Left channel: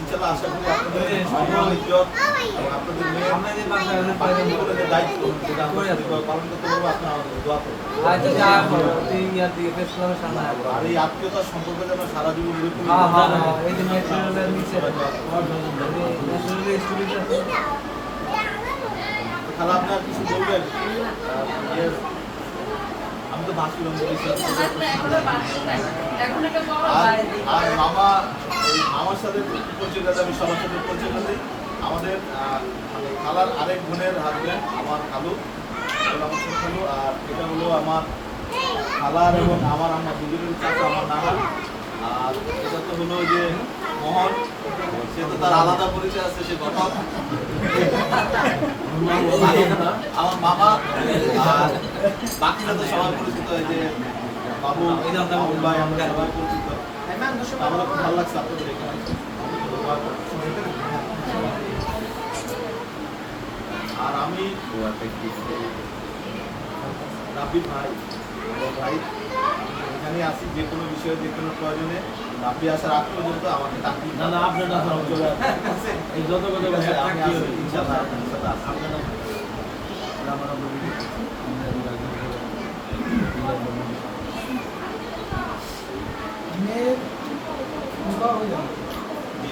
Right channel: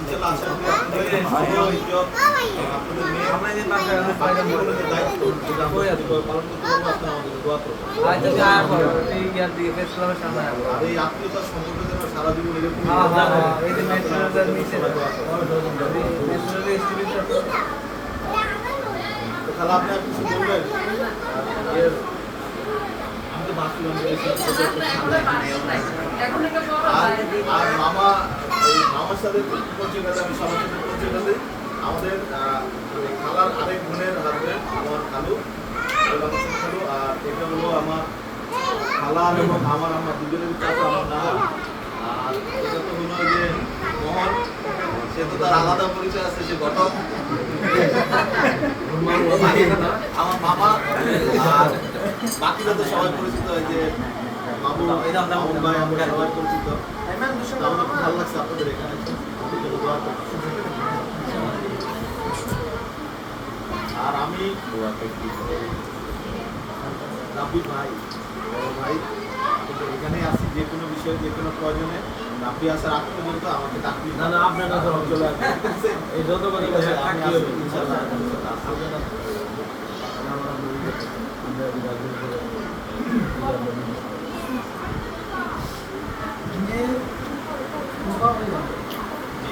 ইনশাআল্লাহ আশা করি আপনাদের ভালো ইজ্জত আপনাদের মেয়ে আমরা যে পাশে আপনাদের দায়িত্ব যেটা আমরা পালন করতে পারবো আপনারা আমাদের দোয়া করবেন। আচ্ছা যা করো তুই ইয়ার দিকে ফেস ক্লাবের সামনে আয় আর এই আত্মীয়তার সম্পর্কে যেন সারা জীবন এরকম হ্যাঁ এই যে ন্যাচারাল নিচে ন্যাচারাল স্টুডিওটা তো খালা আপনার কিছু বলবেন? আমি তো বাকি আর মামা এই মামার সাথে পরিচয় করে আমি সবার সাথে পরিচয় করি। আমাদের মানে খালার আরেক বোনের হাজবেন্ড আমার খালু খালু, আর এটা হলো আমার খালার এবং আমার দুজনের চাচা আমার নানা। আর এটা তো হলো যে মোহন, সে তো তার আলাদা পরিচয় আছে, সে ঘটক আমার মামা। আর বাকিরা তো সবাই পরিচিত, এই যে বাবু মামুন ভাই আমরা সবাই পরিচিত। আমাদের খুব ভালো লাগছে আপনাদের এখানে এসে। আর আমি রাব্বি ভাই ভাই এখানে আসি যে কোনো বিষয়ে যে কোনো প্রয়োজনে রাব্বি আসার আগ পর্যন্ত আমাকে ডাকি। না না আপনার না চলে আসবে এই যত কথা বলে থাকি হবে ইনশাআল্লাহ ইনশাআল্লাহ।